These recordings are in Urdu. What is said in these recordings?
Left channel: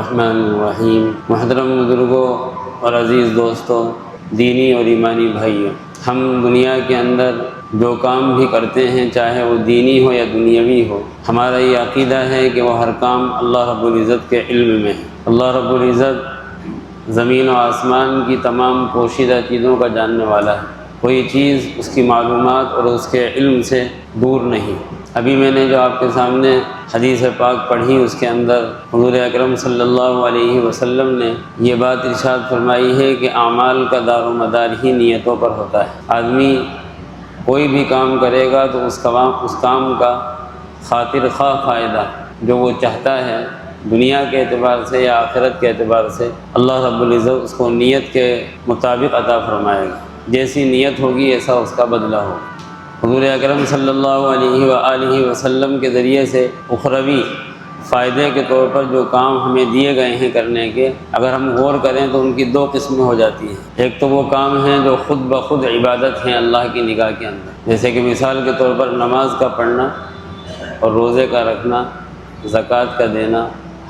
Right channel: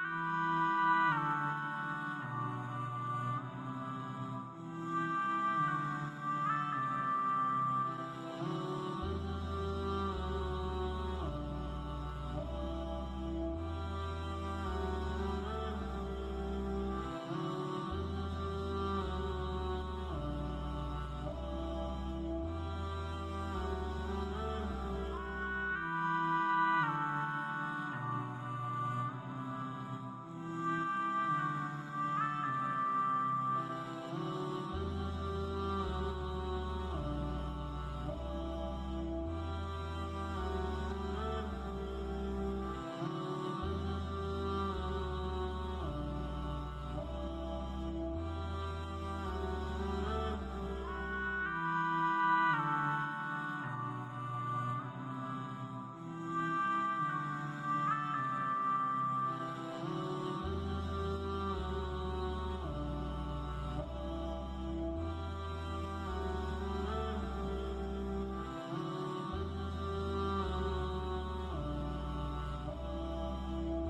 الرحمن الرحیم۔ محترم بزرگوں اور عزیز دوستوں، دینی اور ایمانی بھائیوں، ہم دنیا کے اندر جو کام بھی کرتے ہیں، چاہے وہ دینی ہو یا دنیاوی ہو، ہمارا یہ عقیدہ ہے کہ وہ ہر کام اللہ رب العزت کے علم میں ہے۔ اللہ رب العزت زمین و آسمان کی تمام پوشیدہ چیزوں کا جاننے والا ہے، کوئی چیز اس کی معلومات اور اس کے علم سے دور نہیں۔ ابھی میں نے جو آپ کے سامنے حدیث پاک پڑھی، اس کے اندر حضور اکرم صلی اللہ علیہ وسلم نے یہ بات ارشاد فرمائی ہے کہ اعمال کا دار و مدار ہی نیتوں پر ہوتا ہے۔ آدمی کوئی بھی کام کرے گا تو اس کام کا خاطر خواہ فائدہ جو وہ چاہتا ہے دنیا کے اعتبار سے یا آخرت کے اعتبار سے، اللہ رب العزت اس کو نیت کے مطابق عطا فرمائے گا۔ جیسی نیت ہوگی ایسا اس کا بدلہ ہوگا۔ حضور اکرم صلی اللہ علیہ وآلہ وسلم کے ذریعے سے اخروی فائدے کے طور پر جو کام ہمیں دیے گئے ہیں کرنے کے، اگر ہم غور کریں تو ان کی دو قسمیں ہو جاتی ہیں۔ ایک تو وہ کام ہیں جو خود بخود عبادت ہیں اللہ کی نگاہ کے اندر، جیسے کہ مثال کے طور پر نماز کا پڑھنا اور روزے کا رکھنا، زکوٰۃ کا دینا،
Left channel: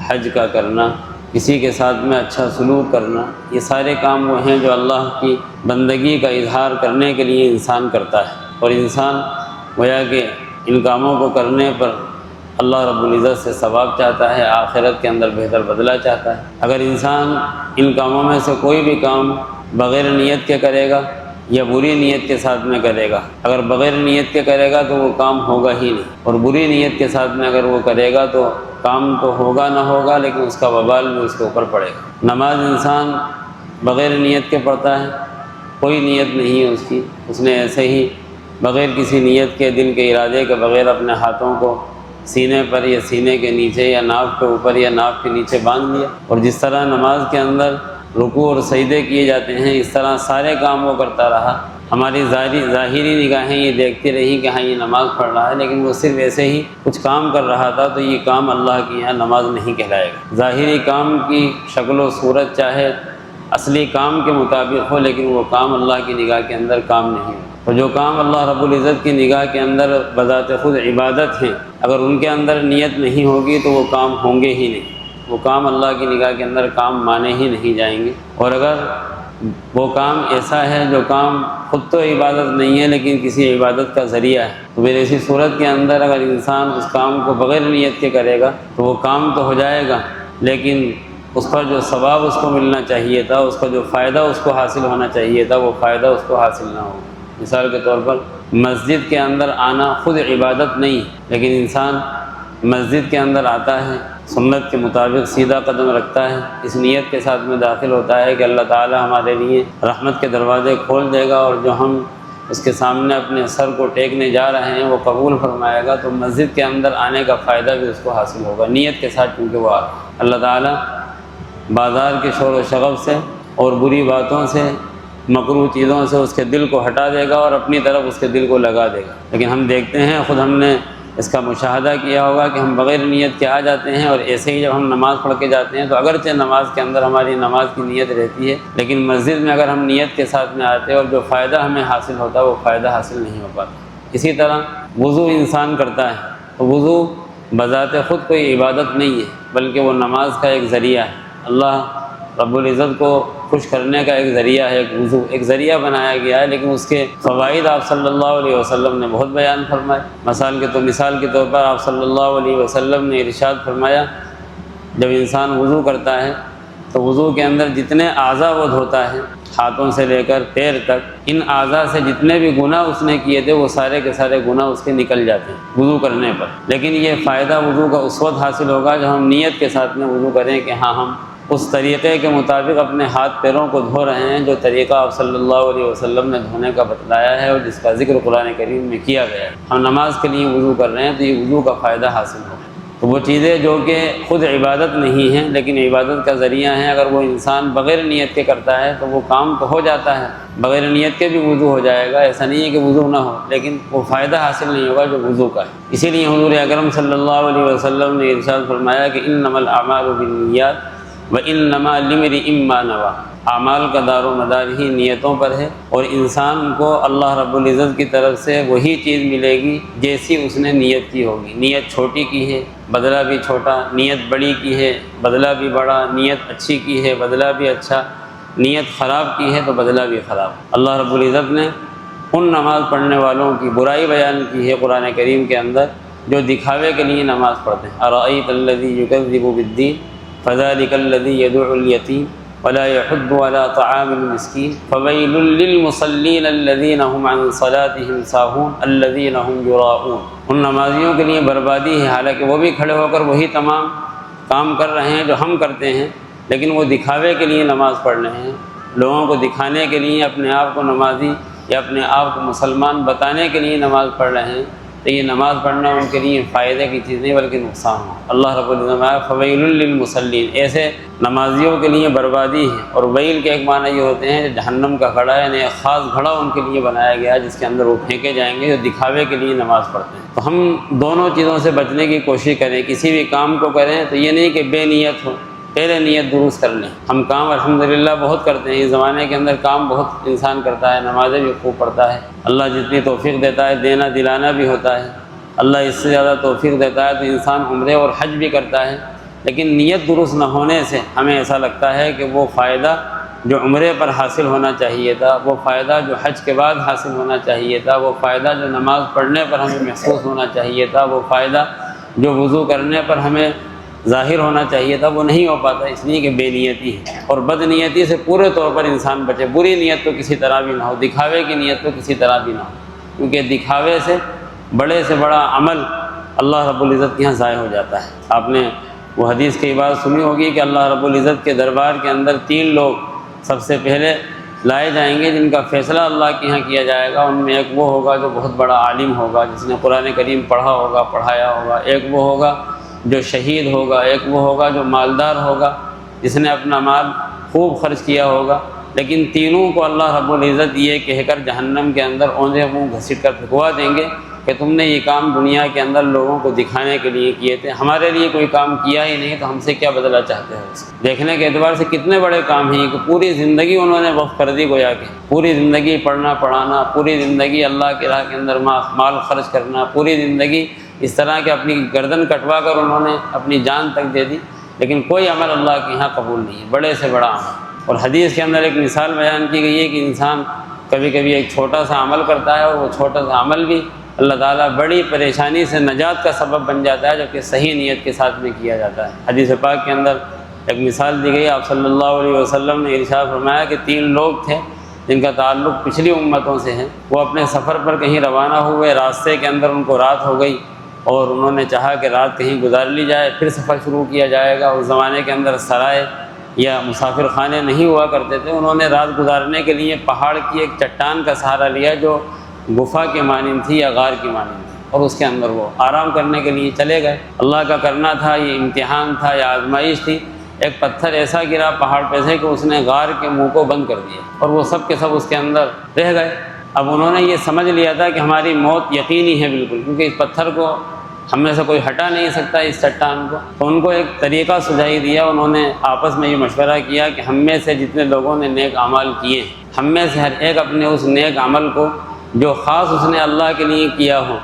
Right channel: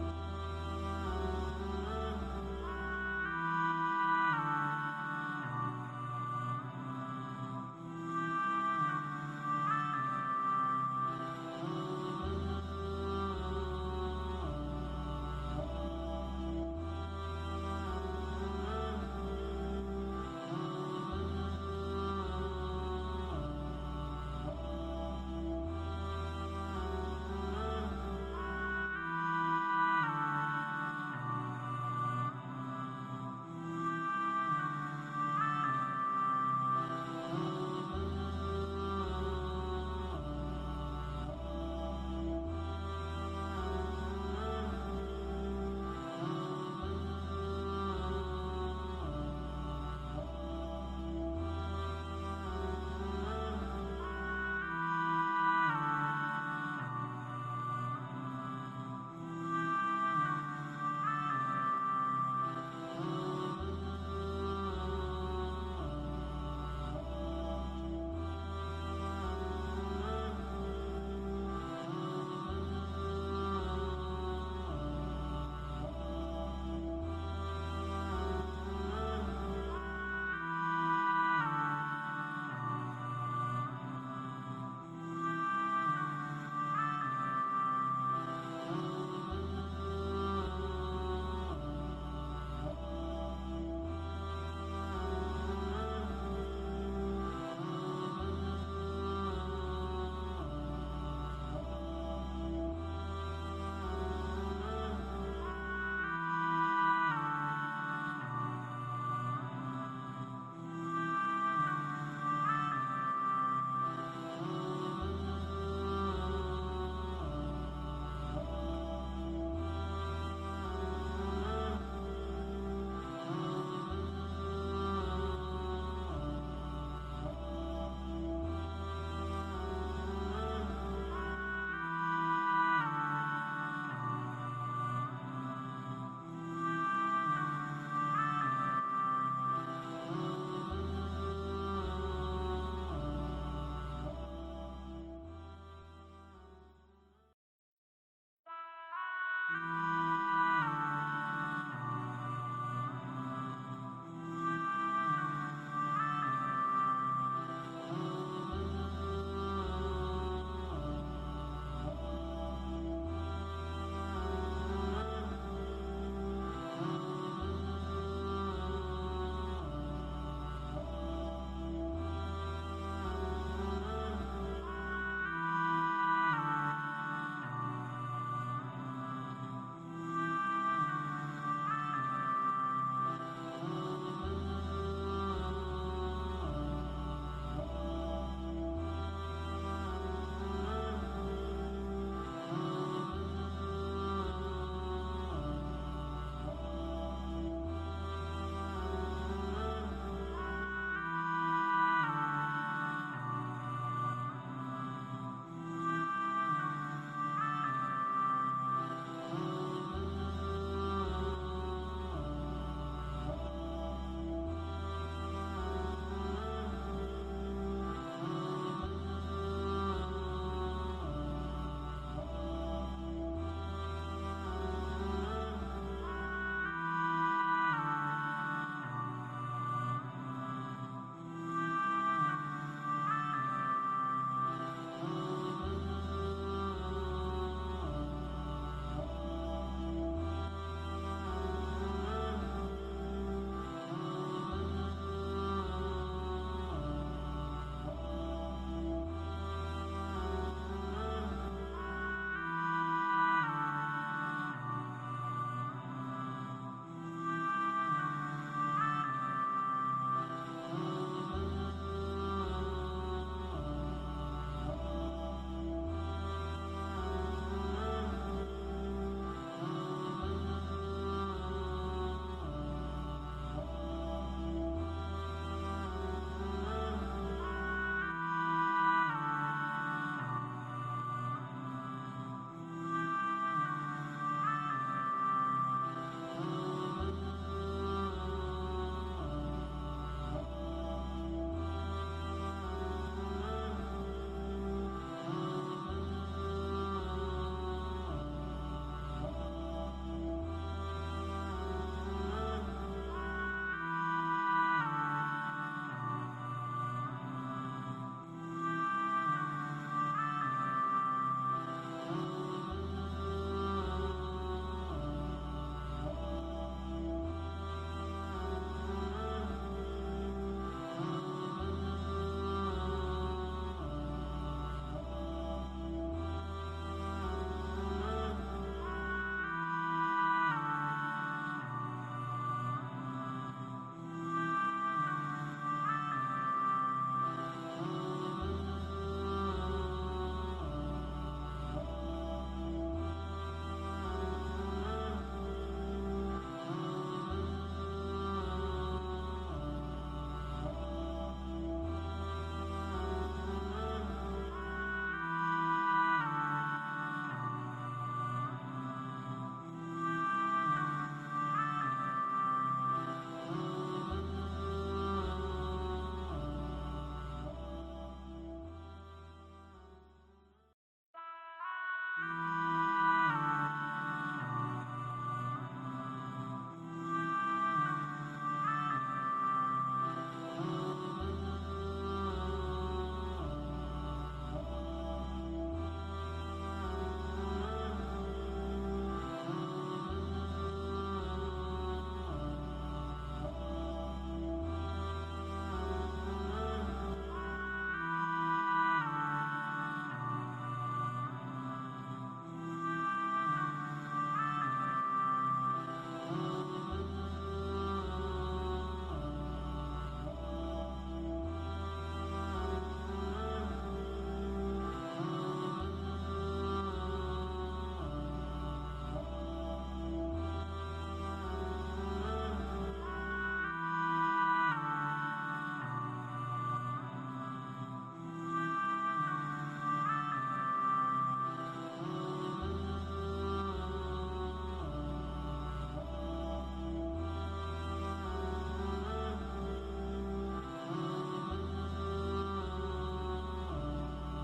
حج کا کرنا، کسی کے ساتھ میں اچھا سلوک کرنا، یہ سارے کام وہ ہیں جو اللہ کی بندگی کا اظہار کرنے کے لیے انسان کرتا ہے، اور انسان گویا کہ ان کاموں کو کرنے پر اللہ رب العزت سے ثواب چاہتا ہے، آخرت کے اندر بہتر بدلہ چاہتا ہے۔ اگر انسان ان کاموں میں سے کوئی بھی کام بغیر نیت کے کرے گا یا بری نیت کے ساتھ میں کرے گا، اگر بغیر نیت کے کرے گا تو وہ کام ہوگا ہی نہیں، اور بری نیت کے ساتھ میں اگر وہ کرے گا تو کام تو ہوگا نہ ہوگا لیکن اس کا وبال بھی اس کے اوپر پڑے گا۔ نماز انسان بغیر نیت کے پڑھتا ہے، کوئی نیت نہیں ہے اس کی، اس نے ایسے ہی بغیر کسی نیت کے، دل کے ارادے کے بغیر اپنے ہاتھوں کو سینے پر یا سینے کے نیچے یا ناف کے اوپر یا ناف کے نیچے باندھ لیا، اور جس طرح نماز کے اندر رکوع اور سجدے کیے جاتے ہیں اس طرح سارے کام وہ کرتا رہا۔ ہماری ظاہری نگاہیں یہ دیکھتی رہی کہ ہاں یہ نماز پڑھ رہا ہے، لیکن وہ صرف ایسے ہی کچھ کام کر رہا تھا، تو یہ کام اللہ کی یہاں نماز نہیں کہلائے گا۔ ظاہری کام کی شکل و صورت چاہے اصلی کام کے مطابق ہو، لیکن وہ کام اللہ کی نگاہ کے اندر کام نہیں ہے۔ اور جو کام اللہ رب العزت کی نگاہ کے اندر بذات خود عبادت ہیں، اگر ان کے اندر نیت نہیں ہوگی تو وہ کام ہوں گے ہی نہیں، وہ کام اللہ کی نگاہ کے اندر کام مانے ہی نہیں جائیں گے۔ اور اگر وہ کام ایسا ہے جو کام خود تو عبادت نہیں ہے لیکن کسی عبادت کا ذریعہ ہے، تو پھر ایسی صورت کے اندر اگر انسان اس کام کو بغیر نیت کے کرے گا تو وہ کام تو ہو جائے گا، لیکن اس پر جو ثواب اس کو ملنا چاہیے تھا، اس کا جو فائدہ اس کو حاصل ہونا چاہیے تھا، وہ فائدہ اس کو حاصل نہ ہوگا۔ مثال کے طور پر مسجد کے اندر آنا خود عبادت نہیں، لیکن انسان مسجد کے اندر آتا ہے، سنت کے مطابق سیدھا قدم رکھتا ہے، اس نیت کے ساتھ میں داخل ہوتا ہے کہ اللہ تعالی ہمارے لیے رحمت کے دروازے کھول دے گا، اور جو ہم اس کے سامنے اپنے سر کو ٹیکنے جا رہے ہیں وہ قبول فرمائے گا، تو مسجد کے اندر آنے کا فائدہ بھی اس کو حاصل ہوگا نیت کے ساتھ، کیونکہ وہ اللہ تعالی بازار کے شور و شغب سے اور بری باتوں سے، مکروہ چیزوں سے اس کے دل کو ہٹا دے گا اور اپنی طرف اس کے دل کو لگا دے گا۔ لیکن ہم دیکھتے ہیں، خود ہم نے اس کا مشاہدہ کیا ہوگا کہ ہم بغیر نیت کے آ جاتے ہیں، اور ایسے ہی جب ہم نماز پڑھ کے جاتے ہیں تو اگرچہ نماز کے اندر ہماری نماز کی نیت رہتی ہے، لیکن مسجد میں اگر ہم نیت کے ساتھ میں آتے ہیں اور جو فائدہ ہمیں حاصل ہوتا ہے وہ فائدہ حاصل نہیں ہو پاتا۔ اسی طرح وضو انسان کرتا ہے، تو وضو بذات خود کوئی عبادت نہیں ہے بلکہ وہ نماز کا ایک ذریعہ ہے، اللہ رب العزت کو خوش کرنے کا ایک ذریعہ ہے، ایک وضو ایک ذریعہ بنایا گیا ہے، لیکن اس کے فوائد آپ صلی اللہ علیہ وسلم نے بہت بیان فرمائے۔ مثال کے طور پر آپ صلی اللہ علیہ وسلم نے ارشاد فرمایا، جب انسان وضو کرتا ہے تو وضو کے اندر جتنے اعضاء وہ دھوتا ہے، ہاتھوں سے لے کر پیر تک، ان اعضاء سے جتنے بھی گناہ اس نے کیے تھے وہ سارے کے سارے گناہ اس کے نکل جاتے ہیں وضو کرنے پر۔ لیکن یہ فائدہ وضو کا اس وقت حاصل ہوگا جب ہم نیت کے ساتھ میں وضو کریں کہ ہاں ہم اس طریقے کے مطابق اپنے ہاتھ پیروں کو دھو رہے ہیں جو طریقہ آپ صلی اللہ علیہ وسلم نے دھونے کا بتلایا ہے اور جس کا ذکر قرآن کریم میں کیا گیا ہے۔ ہم نماز کے لیے وضو کر رہے ہیں تو یہ وضو کا فائدہ حاصل ہو۔ تو وہ چیزیں جو کہ خود عبادت نہیں ہیں لیکن عبادت کا ذریعہ ہیں، اگر وہ انسان بغیر نیت کے کرتا ہے تو وہ کام تو ہو جاتا ہے، بغیر نیت کے بھی وضو ہو جائے گا، ایسا نہیں ہے کہ وضو نہ ہو، لیکن وہ فائدہ حاصل نہیں ہوگا جو وضو کا ہے۔ اسی لیے حضور اکرم صلی اللہ علیہ وسلم نے ارشاد فرمایا کہ انما الاعمال بالنیات وانما لامرئ ما نوى، اعمال کا دار و مدار ہی نیتوں پر ہے، اور انسان کو اللہ رب العزت کی طرف سے وہی چیز ملے گی جیسی اس نے نیت کی ہوگی۔ نیت چھوٹی کی ہے، بدلہ بھی چھوٹا، نیت بڑی کی ہے بدلہ بھی بڑا، نیت اچھی کی ہے بدلہ بھی اچھا، نیت خراب کی ہے تو بدلہ بھی خراب۔ اللہ رب العزت نے ان نماز پڑھنے والوں کی برائی بیان کی ہے قرآن کریم کے اندر جو دکھاوے کے لیے نماز پڑھتے ہیں۔ ارأیت الذی یکذب بالدین فذلک الذی یدعو الیتیم ولا یحض علی طعام المسکین فویل للمصلین الذین هم عن صلاتهم ساہون الذین هم یراؤون۔ ان نمازیوں کے لیے بربادی ہے، حالانکہ وہ بھی کھڑے ہو کر وہی تمام کام کر رہے ہیں جو ہم کرتے ہیں، لیکن وہ دکھاوے کے لیے نماز پڑھ رہے ہیں، لوگوں کو دکھانے کے لیے اپنے آپ کو نمازی یا اپنے آپ کو مسلمان بتانے کے لیے نماز پڑھ رہے ہیں، تو یہ نماز پڑھنا ان کے لیے فائدے کی چیز نہیں بلکہ نقصان ہو۔ اللہ رب العزت فویل للمصلین، ایسے نمازیوں کے لیے بربادی ہے۔ اور ویل کے ایک معنی یہ ہوتے ہیں جہنم کا گھڑا ہے، یعنی ایک خاص گھڑا ان کے لیے بنایا گیا ہے جس کے اندر وہ پھینکے جائیں گے جو دکھاوے کے لیے نماز پڑھتے ہیں۔ تو ہم دونوں چیزوں سے بچنے کی کوشش کریں، کسی بھی کام کو کریں تو یہ نہیں کہ بے نیت ہو، پہلے نیت درست کر لیں۔ ہم کام الحمدللہ بہت کرتے ہیں، اس زمانے کے اندر کام بہت انسان کرتا ہے، نمازیں بھی خوب پڑھتا ہے، اللہ جتنی توفیق دیتا ہے دینا دلانا بھی ہوتا ہے، اللہ اس سے زیادہ توفیق دیتا ہے تو انسان عمرے اور حج بھی کرتا ہے، لیکن نیت درست نہ ہونے سے ہمیں ایسا لگتا ہے کہ وہ فائدہ جو عمرے پر حاصل ہونا چاہیے تھا، وہ فائدہ جو حج کے بعد حاصل ہونا چاہیے تھا، وہ فائدہ جو نماز پڑھنے پر ہمیں محسوس ہونا چاہیے تھا، وہ فائدہ جو وضو کرنے پر ہمیں ظاہر ہونا چاہیے تھا، وہ نہیں ہو پاتا، اس لیے کہ بے نیتی ہے۔ اور بد نیتی سے پورے طور پر انسان بچے، بری نیت تو کسی طرح بھی نہ ہو، دکھاوے کی نیت تو کسی طرح بھی نہ ہو، کیونکہ دکھاوے سے بڑا عمل اللہ رب العزت کے یہاں ضائع ہو جاتا ہے۔ آپ نے وہ حدیث کی بات سنی ہوگی کہ اللہ رب العزت کے دربار کے اندر 3 لوگ سب سے پہلے لائے جائیں گے جن کا فیصلہ اللہ کے یہاں کیا جائے گا۔ ان میں ایک وہ ہوگا جو بہت بڑا عالم ہوگا، جس نے قرآن کریم پڑھا ہوگا پڑھایا ہوگا، ایک وہ ہوگا جو شہید ہوگا، ایک وہ ہوگا جو مالدار ہوگا جس نے اپنا مال خوب خرچ کیا ہوگا۔ لیکن تینوں کو اللہ رب العزت یہ کہہ کر جہنم کے اندر اوندھے منہ گھسیٹ کر پھینکوا دیں گے کہ تم نے یہ کام دنیا کے اندر لوگوں کو دکھانے کے لیے کیے تھے، ہمارے لیے کوئی کام کیا ہی نہیں، تو ہم سے کیا بدلہ چاہتے ہو؟ دیکھنے کے اعتبار سے کتنے بڑے کام ہیں کہ پوری زندگی انہوں نے وقف کر دی، گویا کہ پوری زندگی پڑھنا پڑھانا، پوری زندگی اللہ کی راہ کے اندر مال خرچ کرنا، پوری زندگی اس طرح کہ اپنی گردن کٹوا کر انہوں نے اپنی جان تک دے دی، لیکن کوئی عمل اللہ کے یہاں قبول نہیں ہے، بڑے سے بڑا عمل۔ اور حدیث کے اندر ایک مثال بیان کی گئی ہے کہ انسان کبھی کبھی ایک چھوٹا سا عمل کرتا ہے اور وہ چھوٹا سا عمل بھی اللہ تعالیٰ بڑی پریشانی سے نجات کا سبب بن جاتا ہے، جو کہ صحیح نیت کے ساتھ میں کیا جاتا ہے۔ حدیث پاک کے اندر ایک مثال دی گئی، آپ صلی اللہ علیہ وسلم نے ارشاد فرمایا کہ 3 لوگ تھے جن کا تعلق پچھلی امتوں سے ہے، وہ اپنے سفر پر کہیں روانہ ہوئے، راستے کے اندر ان کو رات ہو گئی اور انہوں نے چاہا کہ رات کہیں گزار لی جائے، پھر سفر شروع کیا جائے گا۔ اس زمانے کے اندر سرائے یا مسافر خانے نہیں ہوا کرتے تھے، انہوں نے رات گزارنے کے لیے پہاڑ کی ایک چٹان کا سہارا لیا جو گفا کے مانند تھی یا غار کی مانند تھی، اور اس کے اندر وہ آرام کرنے کے لیے چلے گئے۔ اللہ کا کرنا تھا، یہ امتحان تھا یا آزمائش تھی۔ ایک پتھر ایسا گرا پہاڑ پہ سے کہ اس نے غار کے منہ کو بند کر دیا اور وہ سب کے سب اس کے اندر رہ گئے۔ اب انہوں نے یہ سمجھ لیا تھا کہ ہماری موت یقینی ہے بالکل، کیونکہ اس پتھر کو ہم میں سے کوئی ہٹا نہیں سکتا، اس چٹان کو۔ تو ان کو ایک طریقہ سجائی دیا، انہوں نے آپس میں یہ مشورہ کیا کہ ہم میں سے جتنے لوگوں نے نیک اعمال کیے، ہم میں سے ہر ایک اپنے اس نیک عمل کو جو خاص اس نے اللہ کے لیے کیا ہو،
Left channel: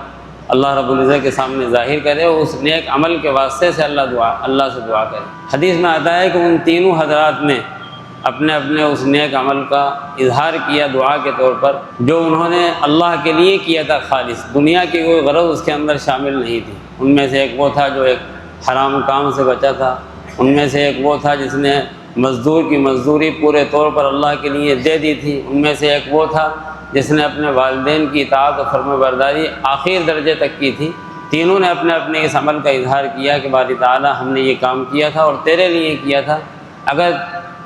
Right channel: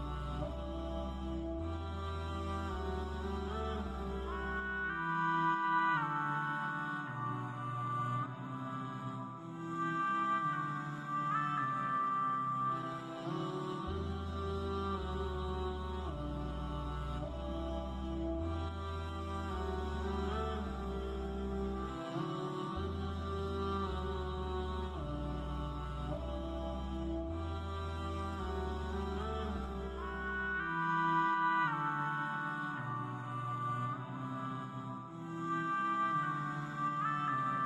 اللہ رب العزت کے سامنے ظاہر کرے، اور اس نیک عمل کے واسطے سے اللہ سے دعا کرے۔ حدیث میں آتا ہے کہ ان تینوں حضرات نے اپنے اس نیک عمل کا اظہار کیا دعا کے طور پر، جو انہوں نے اللہ کے لیے کیا تھا خالص، دنیا کی کوئی غرض اس کے اندر شامل نہیں تھی۔ ان میں سے ایک وہ تھا جو ایک حرام کام سے بچا تھا، ان میں سے ایک وہ تھا جس نے مزدور کی مزدوری پورے طور پر اللہ کے لیے دے دی تھی، ان میں سے ایک وہ تھا جس نے اپنے والدین کی اطاعت و فرمانبرداری آخر درجے تک کی تھی۔ تینوں نے اپنے اس عمل کا اظہار کیا کہ باری تعالیٰ ہم نے یہ کام کیا تھا اور تیرے لیے کیا تھا، اگر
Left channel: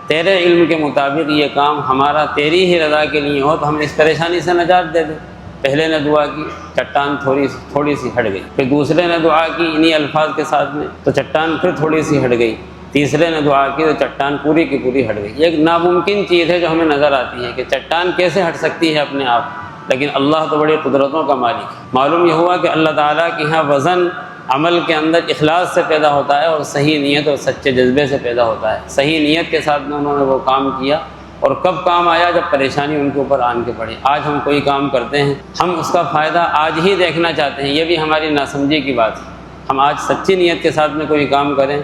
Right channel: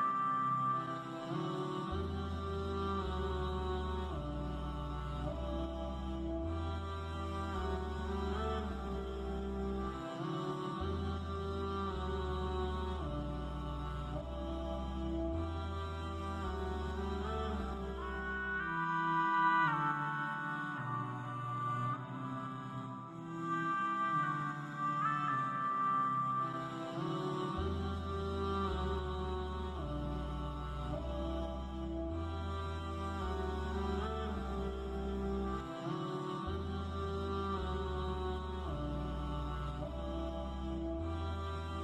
تیرے علم کے مطابق یہ کام ہمارا تیری ہی رضا کے لیے ہو تو ہم اس پریشانی سے نجات دے دیں۔ پہلے نے دعا کی، چٹان تھوڑی سی ہٹ گئی، پھر دوسرے نے دعا کی انہی الفاظ کے ساتھ میں، تو چٹان پھر تھوڑی سی ہٹ گئی، تیسرے نے دعا کی تو چٹان پوری کی پوری ہٹ گئی۔ یہ ایک ناممکن چیز ہے جو ہمیں نظر آتی ہے کہ چٹان کیسے ہٹ سکتی ہے اپنے آپ، لیکن اللہ تو بڑی قدرتوں کا مالک ہے۔ معلوم یہ ہوا کہ اللہ تعالیٰ کے یہاں وزن عمل کے اندر اخلاص سے پیدا ہوتا ہے اور صحیح نیت اور سچے جذبے سے پیدا ہوتا ہے۔ صحیح نیت کے ساتھ میں انہوں نے وہ کام کیا، اور کب کام آیا؟ جب پریشانی ان کے اوپر آن کے پڑی۔ آج ہم کوئی کام کرتے ہیں، ہم اس کا فائدہ آج ہی دیکھنا چاہتے ہیں، یہ بھی ہماری ناسمجھی کی بات ہے۔ ہم آج سچی نیت کے ساتھ میں کوئی کام کریں،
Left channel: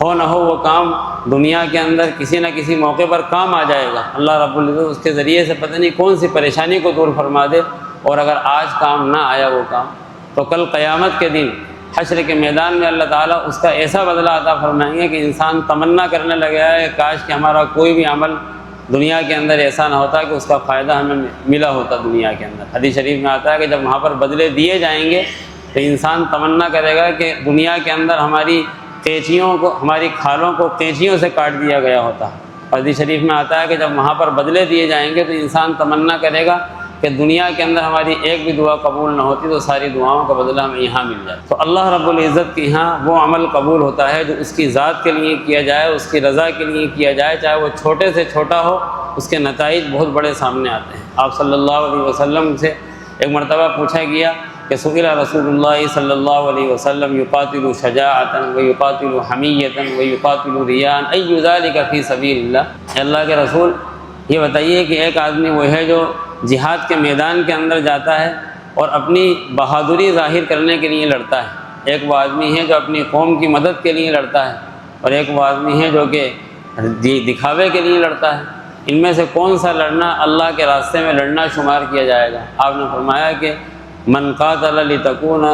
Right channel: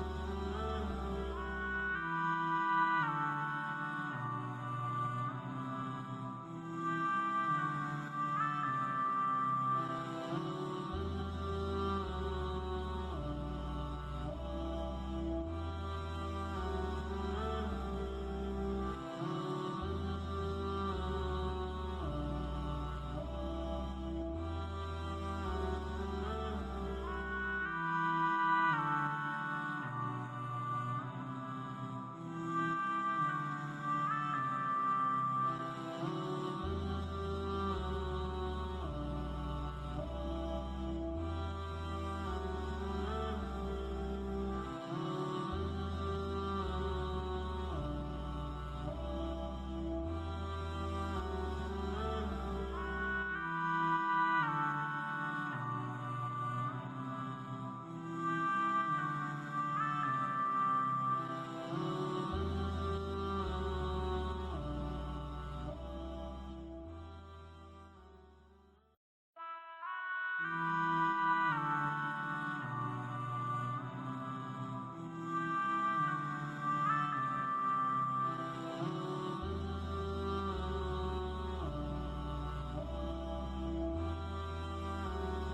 ہو نہ ہو وہ کام دنیا کے اندر کسی نہ کسی موقع پر کام آ جائے گا، اللہ رب العزت اس کے ذریعے سے پتہ نہیں کون سی پریشانی کو دور فرما دے، اور اگر آج کام نہ آیا وہ کام تو کل قیامت کے دن حشر کے میدان میں اللہ تعالیٰ اس کا ایسا بدلہ عطا فرمائیں گے کہ انسان تمنا کرنے لگا ہے کاش کہ ہمارا کوئی بھی عمل دنیا کے اندر ایسا نہ ہوتا کہ اس کا فائدہ ہمیں ملا ہوتا دنیا کے اندر۔ حدیث شریف میں آتا ہے کہ جب وہاں پر بدلے دیے جائیں گے تو انسان تمنا کرے گا کہ دنیا کے اندر ہماری قینچیوں کو، ہماری کھالوں کو قینچیوں سے کاٹ دیا گیا ہوتا۔ حدیث شریف میں آتا ہے کہ جب وہاں پر بدلے دیے جائیں گے تو انسان تمنا کرے گا کہ دنیا کے اندر ہماری ایک بھی دعا قبول نہ ہوتی تو ساری دعاؤں کا بدلہ ہمیں یہاں مل جائے۔ تو اللہ رب العزت کے یہاں وہ عمل قبول ہوتا ہے جو اس کی ذات کے لیے کیا جائے، اس کی رضا کے لیے کیا جائے، چاہے وہ چھوٹے سے چھوٹا ہو، اس کے نتائج بہت بڑے سامنے آتے ہیں۔ آپ صلی اللہ علیہ وسلم سے ایک مرتبہ پوچھا گیا کہ سئل رسول اللہ صلی اللہ علیہ وسلم یقاتل شجاعۃ ویقاتل حمیۃ ویقاتل ریاء ای ذلک فی سبیل اللہ۔ اللہ کے رسول یہ بتائیے کہ ایک آدمی وہ ہے جو جہاد کے میدان کے اندر جاتا ہے اور اپنی بہادری ظاہر کرنے کے لیے لڑتا ہے، ایک وہ آدمی ہے جو اپنی قوم کی مدد کے لیے لڑتا ہے، اور ایک وہ آدمی ہے جو کہ دکھاوے کے لیے لڑتا ہے۔ ان میں سے کون سا لڑنا اللہ کے راستے میں لڑنا شمار کیا جائے گا؟ آپ نے فرمایا کہ من قاتل لتکون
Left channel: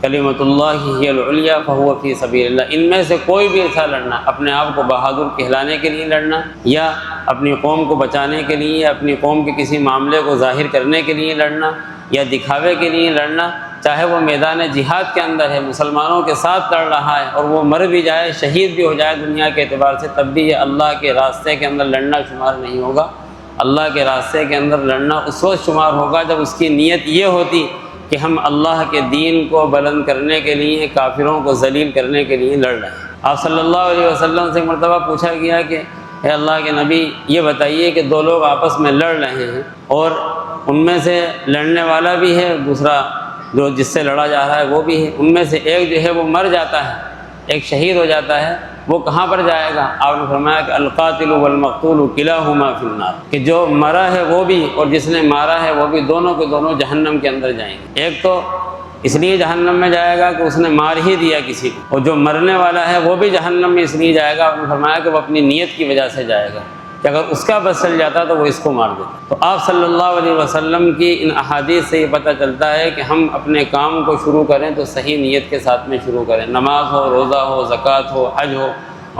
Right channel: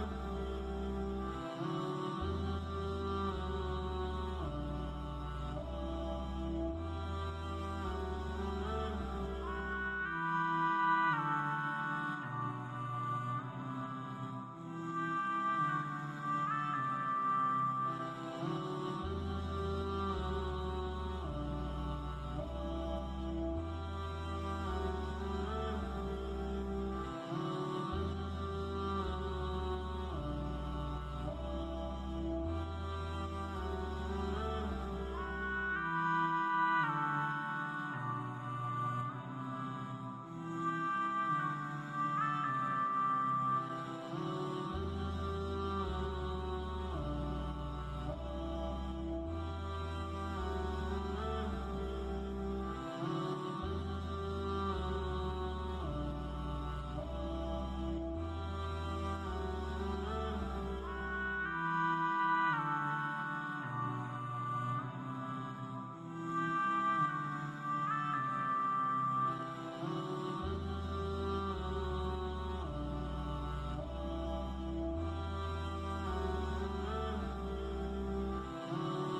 کلمۃ اللہ ہی العلیٰ فہو فی سبیل اللہ۔ ان میں سے کوئی بھی ایسا لڑنا، اپنے آپ کو بہادر کہلانے کے لیے لڑنا، یا اپنی قوم کو بچانے کے لیے، یا اپنی قوم کے کسی معاملے کو ظاہر کرنے کے لیے لڑنا، یا دکھاوے کے لیے لڑنا، چاہے وہ میدان جہاد کے اندر ہے، مسلمانوں کے ساتھ لڑ رہا ہے اور وہ مر بھی جائے، شہید بھی ہو جائے دنیا کے اعتبار سے، تب بھی یہ اللہ کے راستے کے اندر لڑنا شمار نہیں ہوگا۔ اللہ کے راستے کے اندر لڑنا اس وقت شمار ہوگا جب اس کی نیت یہ ہوتی کہ ہم اللہ کے دین کو بلند کرنے کے لیے، کافروں کو ذلیل کرنے کے لیے لڑ رہے ہیں۔ آپ صلی اللہ علیہ وسلم سے مرتبہ پوچھا گیا کہ اے اللہ کے نبی یہ بتائیے کہ دو لوگ آپس میں لڑ رہے ہیں اور ان میں سے لڑنے والا بھی ہے، دوسرا جو جس سے لڑا جا رہا ہے وہ بھی ہے، ان میں سے ایک جو ہے وہ مر جاتا ہے، ایک شہید ہو جاتا ہے، وہ کہاں پر جائے گا؟ آپ نے فرمایا کہ القاتل والمقتول کلاہما فی النار، کہ جو مرا ہے وہ بھی اور جس نے مارا ہے وہ بھی، دونوں کے دونوں جہنم کے اندر جائیں گے۔ ایک تو اس لیے جہنم میں جائے گا کہ اس نے مار ہی دیا کسی کو، اور جو مرنے والا ہے وہ بھی جہنم میں اس لیے جائے گا، آپ نے فرمایا کہ وہ اپنی نیت کی وجہ سے جائے گا کہ اگر اس کا بس چل جاتا تو وہ اس کو مار دیتا۔ تو آپ صلی اللہ علیہ وسلم کی ان احادیث سے یہ پتہ چلتا ہے کہ ہم اپنے کام کو شروع کریں تو صحیح نیت کے ساتھ میں شروع کریں، نماز ہو، روزہ ہو، زکوٰۃ ہو، حج ہو،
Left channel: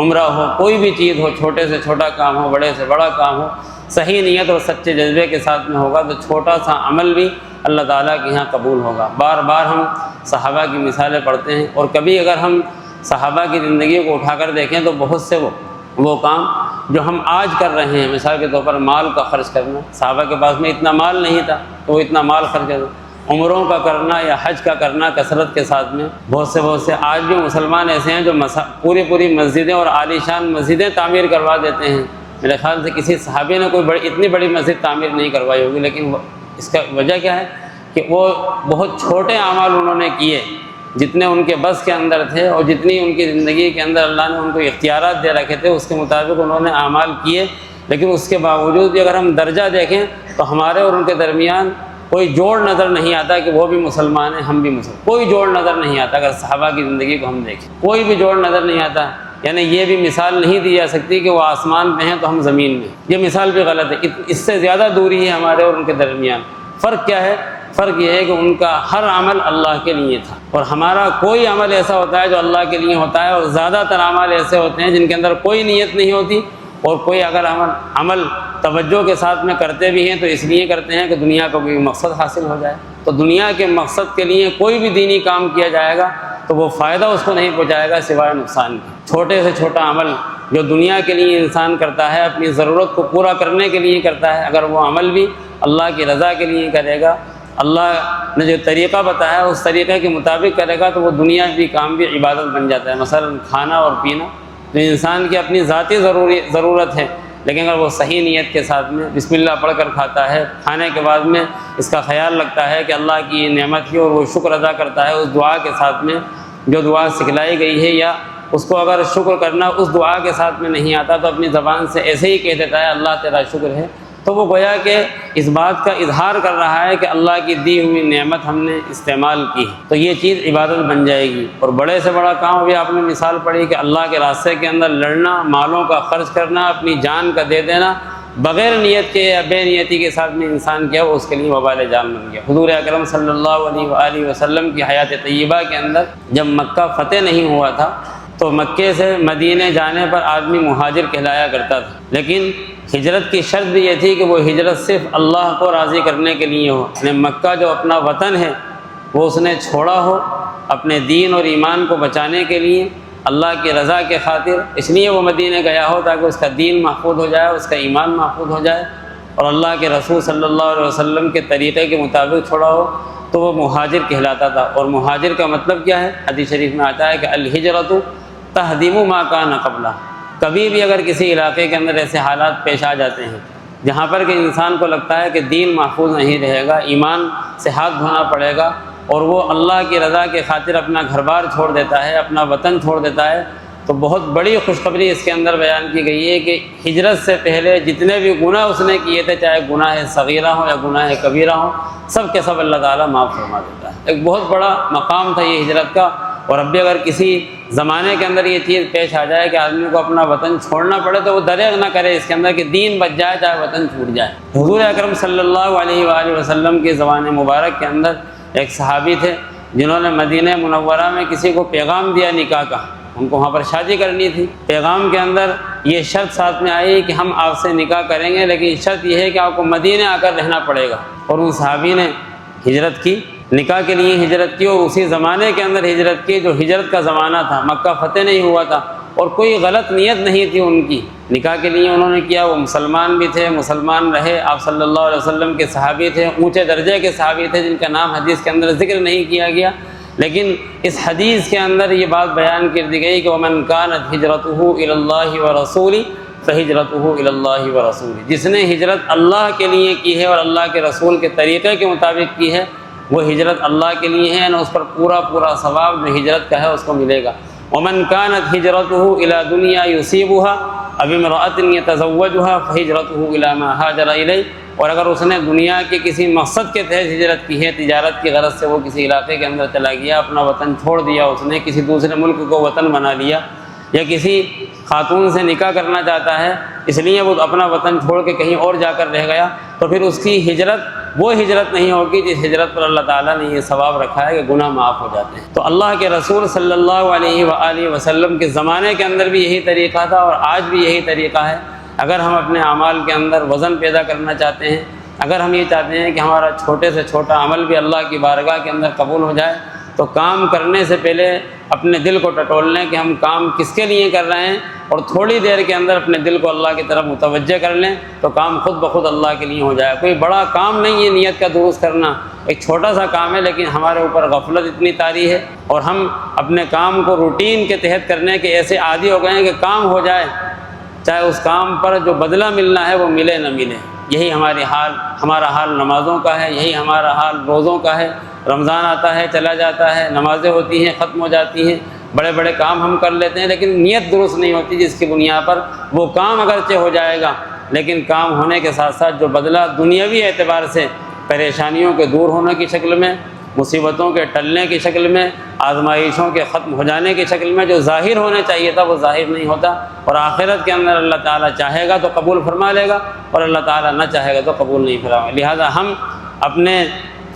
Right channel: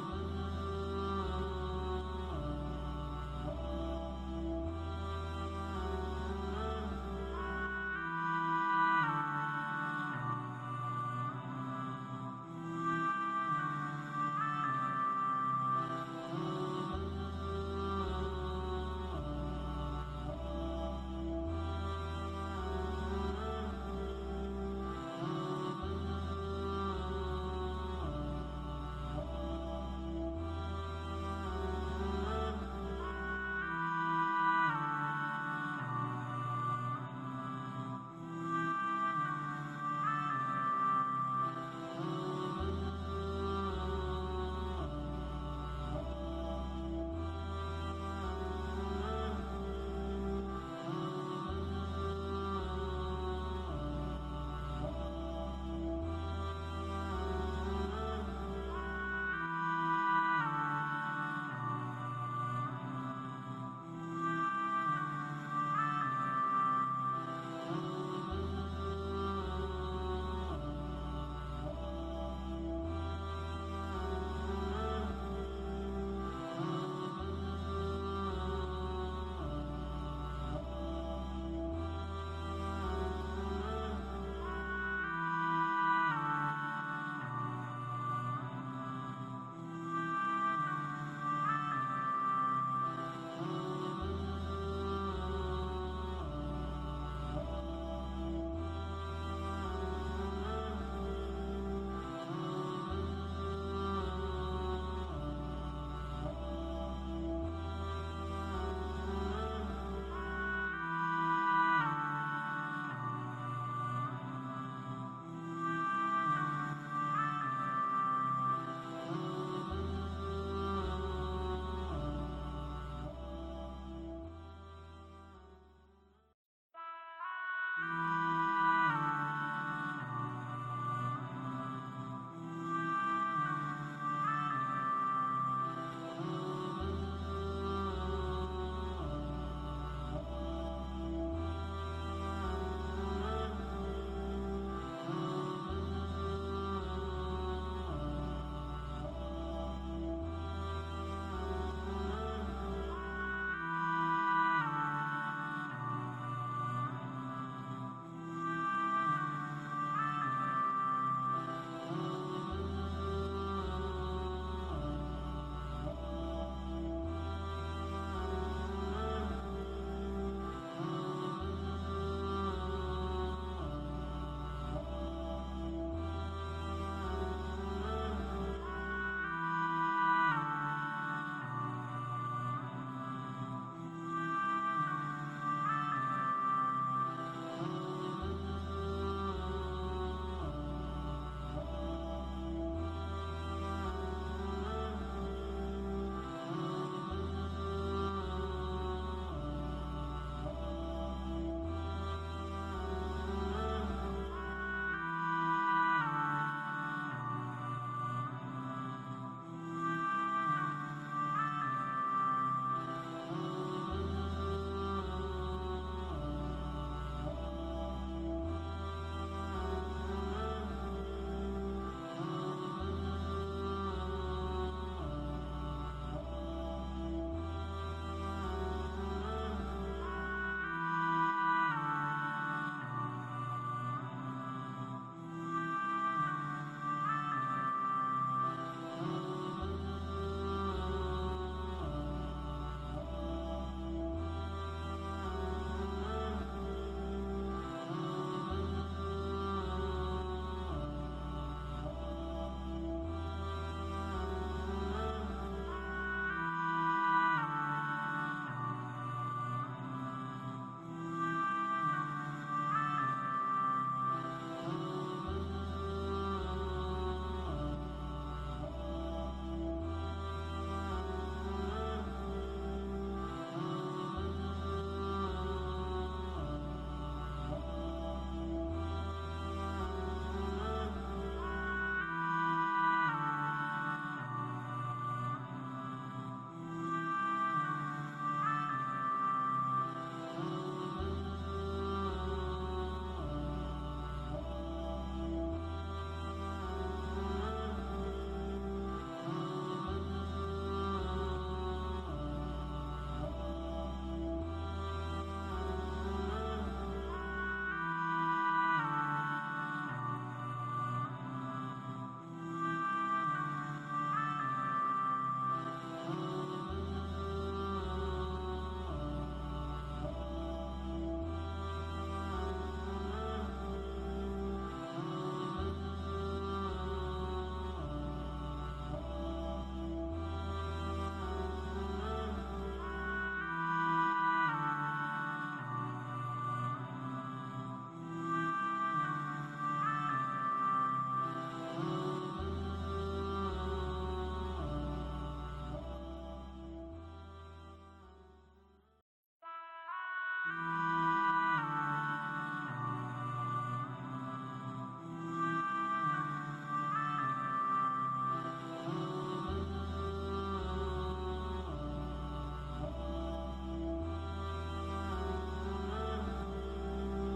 عمرہ ہو، کوئی بھی چیز ہو، چھوٹے سے چھوٹا کام ہو، بڑے سے بڑا کام ہو، صحیح نیت اور سچے جذبے کے ساتھ میں ہوگا تو چھوٹا سا عمل بھی اللہ تعالیٰ کے یہاں قبول ہوگا۔ بار بار ہم صحابہ کی مثالیں پڑھتے ہیں، اور کبھی اگر ہم صحابہ کی زندگی کو اٹھا کر دیکھیں تو بہت سے وہ کام جو ہم آج کر رہے ہیں، مثال کے طور پر مال کا خرچ کرنا، صحابہ کے پاس میں اتنا مال نہیں تھا تو وہ اتنا مال خرچ کرنا، عمروں کا کرنا یا حج کا کرنا کثرت کے ساتھ میں، بہت سے آج بھی مسلمان ایسے ہیں جو پوری مسجدیں اور عالی شان مسجدیں تعمیر کروا دیتے ہیں۔ میرے خیال سے کسی صحابی نے کوئی اتنی بڑی مسجد تعمیر نہیں کروائی ہوگی، لیکن اس کا وجہ کیا ہے کہ وہ بہت چھوٹے اعمال انہوں نے کیے جتنے ان کے بس کے اندر تھے، اور جتنی ان کی زندگی کے اندر اللہ نے ان کو اختیارات دے رکھے تھے اس کے مطابق انہوں نے اعمال کیے۔ لیکن اس کے باوجود بھی اگر ہم درجہ دیکھیں تو ہمارے اور ان کے درمیان کوئی جوڑ نظر نہیں آتا کہ وہ بھی مسلمان ہیں ہم بھی مسلمان، کوئی جوڑ نظر نہیں آتا۔ اگر صحابہ کی زندگی کو ہم دیکھیں کوئی بھی جوڑ نظر نہیں آتا، یعنی یہ بھی مثال نہیں دی جا سکتی کہ وہ آسمان پہ ہیں تو ہم زمین میں، یہ مثال بھی غلط ہے، اس سے زیادہ دوری ہے ہمارے اور ان کے درمیان۔ فرق کیا ہے؟ فرق یہ ہے کہ ان کا ہر عمل اللہ کے لیے تھا، اور ہمارا کوئی عمل ایسا ہوتا ہے جو اللہ کے لیے ہوتا ہے، اور زیادہ تر اعمال ایسے ہوتے ہیں جن کے اندر کوئی نیت نہیں ہوتی، اور کوئی اگر عمل توجہ کے ساتھ میں کرتے بھی ہیں تو اس لیے کرتے ہیں کہ دنیا کا کوئی مقصد حاصل ہو جائے۔ تو دنیا کے مقصد کے لیے کوئی بھی دینی کام کیا جائے گا تو وہ فائدہ اس کو نہیں پہنچائے گا سوائے نقصان کے۔ چھوٹے سے چھوٹا عمل جو دنیا کے لیے انسان کرتا ہے، اپنی ضرورت کو پورا کرنے کے لیے کرتا ہے، اگر وہ عمل بھی اللہ کی رضا کے لیے کرے گا، اللہ نے جو طریقہ بتایا اس طریقے کے مطابق کرے گا، تو وہ دنیا بھی کام بھی عبادت بن جاتا ہے۔ مثلا کھانا اور پینا جو انسان کی اپنی ذاتی ضرورت ہے، لیکن اگر وہ صحیح نیت کے ساتھ میں بسم اللہ پڑھ کر کھاتا ہے، کھانے کے بعد میں اس کا خیال رکھتا ہے کہ اللہ کی یہ نعمت ہے اور وہ شکر ادا کرتا ہے اس دعا کے ساتھ میں جو دعا سکھلائی گئی ہے، یا اس کو اگر شکر کرنا اس دعا کے ساتھ میں نہیں آتا تو اپنی زبان سے ایسے ہی کہہ دیتا ہے اللہ تیرا شکر ہے، تو وہ گویا کہ اس بات کا اظہار کر رہا ہے کہ اللہ کی دی ہوئی نعمت ہم نے استعمال کی ہے، تو یہ چیز عبادت بن جائے گی۔ اور بڑے سے بڑا کام بھی آپ نے مثال پڑھی کہ اللہ کے راستے کے اندر لڑنا، مالوں کا خرچ کرنا، اپنی جان کا دے دینا بغیر نیت کے یا بے نیتی کے ساتھ میں انسان کیا وہ اس کے لیے وبال جان بن گیا۔ حضور اکرم صلی اللہ علیہ وآلہ وسلم کی حیات طیبہ کے اندر جب مکہ فتح نہیں ہوا تھا تو مکے سے مدینے جانے پر آدمی مہاجر کہلایا کرتا تھا، لیکن ہجرت کی شرط بھی یہ تھی کہ وہ ہجرت صرف اللہ کو راضی کرنے کے لیے ہو، یعنی مکہ جو اپنا وطن ہے وہ اس نے چھوڑا ہو اپنے دین اور ایمان کو بچانے کے لیے، اللہ کی رضا کے خاطر، اس لیے وہ مدینے گیا ہو تاکہ اس کا دین محفوظ ہو جائے، اس کا ایمان محفوظ ہو جائے، اور اللہ کے رسول صلی اللہ علیہ وسلم کے طریقے کے مطابق چھوڑا ہو، تو وہ مہاجر کہلاتا تھا۔ اور مہاجر کا مطلب کیا ہے؟ حدیث شریف میں آتا ہے کہ الہجرۃ تہدم ما کان قبلہ، کبھی بھی اگر کسی علاقے کے اندر ایسے حالات پیش آ جاتے ہیں جہاں پر کہ انسان کو لگتا ہے کہ دین محفوظ نہیں رہے گا، ایمان سے ہاتھ دھونا پڑے گا، اور وہ اللہ کی رضا کے خاطر اپنا گھر بار چھوڑ دیتا ہے، اپنا وطن چھوڑ دیتا ہے، تو بہت بڑی خوشخبری اس کے اندر بیان کی گئی ہے کہ ہجرت سے پہلے جتنے بھی گناہ اس نے کیے تھے، چاہے گناہ صغیرہ ہوں یا گناہ کبیرہ ہوں، سب کے سب اللہ تعالیٰ معاف فرما دیتا ہے۔ ایک بہت بڑا مقام تھا یہ ہجرت کا، اور اب بھی اگر کسی زمانے کے اندر یہ چیز پیش آ جائے کہ آدمی کو اپنا وطن چھوڑنا پڑے تو وہ دریغ نہ کرے اس کے اندر کہ دین بچ جائے چاہے وطن چھوٹ جائے۔ حضور اکرم صلی اللہ علیہ وآلہ وسلم کی زبان مبارک کے اندر ایک صحابی تھے جنہوں نے مدینہ منورہ میں کسی کو پیغام دیا نکاح کا، ان کو وہاں پر شادی کرنی تھی۔ پیغام کے اندر یہ شرط ساتھ میں آئی کہ ہم آپ سے نکاح کریں گے، لیکن شرط یہ ہے کہ آپ کو مدینہ آ کر رہنا پڑے گا۔ اور ان صحابی نے ہجرت کی، نکاح کے لیے ہجرت کی، اور اسی زمانے کے اندر ہجرت کی جو ہجرت کا زمانہ تھا، مکہ فتح نہیں ہوا تھا، اور کوئی غلط نیت نہیں تھی ان کی، نکاح کے لیے انہوں نے کیا۔ وہ مسلمان بھی تھے، مسلمان رہے، آپ صلی اللہ علیہ وسلم کے صحابی تھے، اونچے درجے کے صحابی تھے جن کا نام حدیث کے اندر ذکر نہیں کیا گیا، لیکن اس حدیث کے اندر یہ بات بیان کر دی گئی کہ وَمَنْ كَانَتْ هِجْرَتُهُ إِلَى اللَّهِ وَرَسُولِهِ فَهِجْرَتُهُ إِلَى اللَّهِ وَرَسُولِهِ، جس نے ہجرت اللہ کے لیے کی ہے اور اللہ کے رسول کے طریقے کے مطابق کی ہے، وہ ہجرت اللہ کے لیے ہے، اور اس پر پورا ثواب جو ہجرت کا ہے اس کو ملے گا۔ وَمَنْ كَانَتْ هِجْرَتُهُ إِلَى دُنْيَا يُصِيبُهَا أَوْ امْرَأَةٍ يَتَزَوَّجُهَا فَهِجْرَتُهُ إِلَى مَا هَاجَرَ إِلَيْهِ، اور اگر اس نے دنیا کے کسی مقصد کے تحت ہجرت کی ہے، تجارت کی غرض سے وہ کسی علاقے کے اندر چلا گیا، اپنا وطن چھوڑ دیا، اس نے کسی دوسرے ملک کو وطن بنا لیا، یا کسی خاتون سے نکاح کرنا چاہتا ہے اس لیے وہ اپنا وطن چھوڑ کے کہیں اور جا کر رہ گیا، تو پھر اس کی ہجرت وہ ہجرت نہیں ہوگی جس ہجرت پر اللہ تعالیٰ نے یہ ثواب رکھا ہے کہ گناہ معاف ہو جاتے ہیں۔ تو اللہ کے رسول صلی اللہ علیہ وآلہ وسلم کے زمانے کے اندر بھی یہی طریقہ تھا، اور آج بھی یہی طریقہ ہے۔ اگر ہم اپنے اعمال کے اندر وزن پیدا کرنا چاہتے ہیں، اگر ہم یہ چاہتے ہیں کہ ہمارا چھوٹے سے چھوٹا عمل بھی اللہ کی بارگاہ کے اندر قبول ہو جائے، تو کام کرنے سے پہلے اپنے دل کو ٹٹول لیں کہ ہم کام کس کے لیے کر رہے ہیں، اور تھوڑی دیر کے اندر اپنے دل کو اللہ کی طرف متوجہ کر لیں تو کام خود بخود اللہ کے لیے ہو جائے۔ کوئی بڑا کام نہیں ہے نیت کا درست کرنا، ایک چھوٹا سا کام ہے، لیکن ہمارے اوپر غفلت اتنی طاری ہے، اور ہم اپنے کام کو روٹین کے تحت کرنے کے ایسے عادی ہو گئے ہیں کہ کام ہو جائے، چاہے اس کام پر جو بدلہ ملنا ہے وہ ملے نہ ملے۔ یہی ہمارا حال نمازوں کا ہے، یہی ہمارا حال روزوں کا ہے۔ رمضان آتا ہے، چلا جاتا ہے، نمازیں ہوتی ہیں، ختم ہو جاتی ہیں، بڑے بڑے کام ہم کر لیتے ہیں، لیکن نیت درست نہیں ہوتی، جس کی بنیاد پر وہ کام اگرچہ ہو جائے گا، لیکن کام ہونے کے ساتھ ساتھ جو بدلہ دنیاوی اعتبار سے پریشانیوں کے دور ہونے کی شکل میں، مصیبتوں کے ٹلنے کی شکل میں، آزمائشوں کے ختم ہو جانے کی شکل میں جو ظاہر ہونے چاہیے تھا وہ ظاہر نہیں ہوتا، اور آخرت کے اندر اللہ تعالیٰ چاہے گا تو قبول فرما لے گا، اور اللہ تعالیٰ نہ چاہے گا تو قبول نہیں فرمائے گا۔ لہٰذا ہم اپنے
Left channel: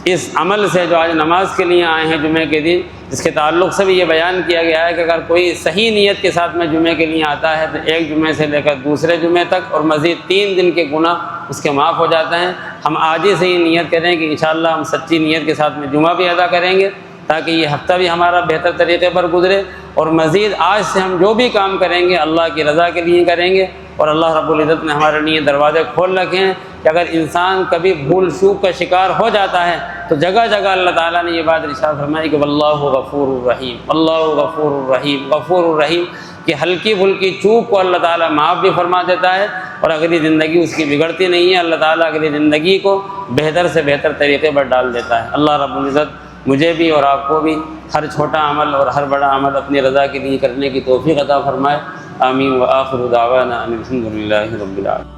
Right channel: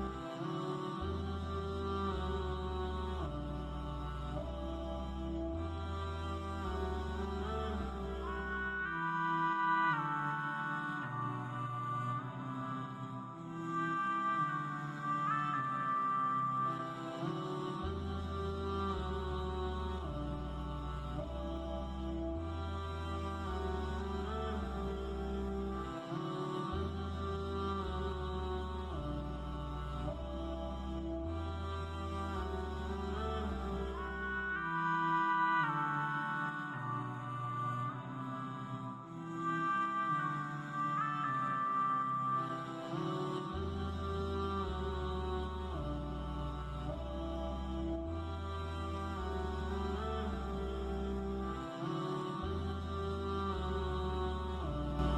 اس عمل سے جو آج نماز کے لیے آئے ہیں جمعے کے دن، جس کے تعلق سے بھی یہ بیان کیا گیا ہے کہ اگر کوئی صحیح نیت کے ساتھ میں جمعے کے لیے آتا ہے تو ایک جمعے سے لے کر دوسرے جمعے تک اور مزید 3 دن کے گناہ اس کے معاف ہو جاتے ہیں۔ ہم آج ہی سے یہ نیت کریں کہ انشاءاللہ ہم سچی نیت کے ساتھ میں جمعہ بھی ادا کریں گے، تاکہ یہ ہفتہ بھی ہمارا بہتر طریقے پر گزرے، اور مزید آج سے ہم جو بھی کام کریں گے اللہ کی رضا کے لیے کریں گے۔ اور اللہ رب العزت نے ہمارے لیے دروازے کھول رکھے ہیں کہ اگر انسان کبھی بھول چوک کا شکار ہو جاتا ہے تو جگہ جگہ اللہ تعالیٰ نے یہ بات ارشاد فرمائی کہ واللہ غفور الرحیم، اللہ غفور الرحیم، غفور الرحیم، کہ ہلکی پھلکی چوک کو اللہ تعالیٰ معاف بھی فرما دیتا ہے، اور اگلی زندگی اس کی بگڑتی نہیں ہے، اللہ تعالیٰ اگلی زندگی کو بہتر سے بہتر طریقے پر ڈال دیتا ہے۔ اللہ رب العزت مجھے بھی اور آپ کو بھی ہر چھوٹا عمل اور ہر بڑا عمل اپنی رضا کے لیے کرنے کی توفیق عطا فرمائے۔ آمین۔ وآخر دعوانا ان الحمد للہ رب العالمین۔